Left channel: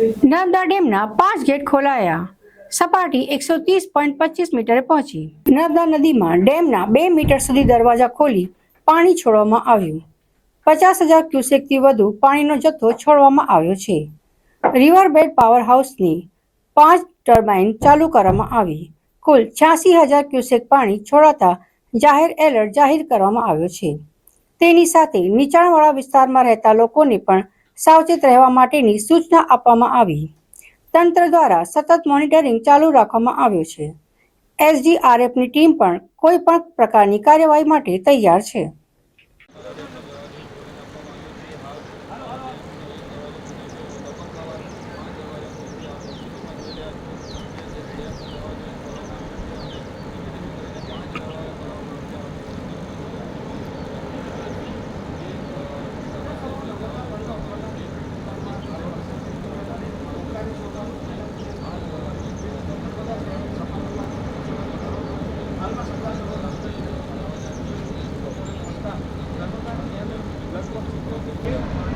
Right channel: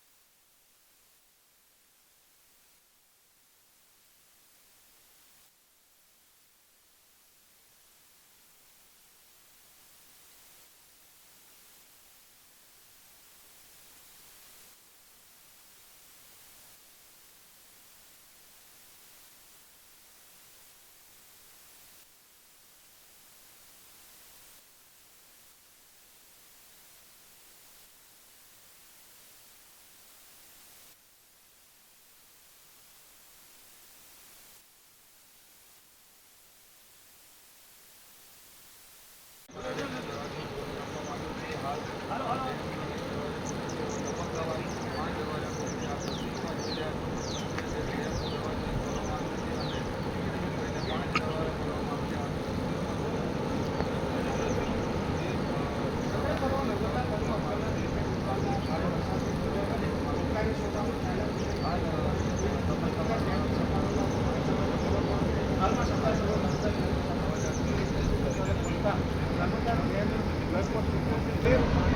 નર્મદા ડેમના 5 ગેટ ખોલાયા. સપાટી 130.25 મીટરે પહોંચી. નર્મદા નદીમાં ડેમના 2 મીટર સુધી દરવાજા ખોલી પાણી છોડવામાં આવ્યું. 50,000 ક્યુસેકથી વધુ પાણીનો જથ્થો છોડવામાં આવ્યો છે. રિવરબેડ પાવર હાઉસની 5 ટર્બાઇન ચાલુ કરવામાં આવી. કુલ 86,000 ક્યુસેક પાણી છોડાતા જાહેર એલર્ટ જાહેર કરવામાં આવ્યો છે. તેની સાથે નીચાણવાળા વિસ્તારમાં રહેતા લોકોને પણ સાવચેત રહેવા માટેની સૂચના આપવામાં આવી. તંત્ર દ્વારા સતત મોનિટરિંગ ચાલુ રાખવામાં આવ્યું છે. એસડીઆરએફની ટીમ પણ કોઈ પણ પ્રકારની કાર્યવાહી માટે તૈયાર છે.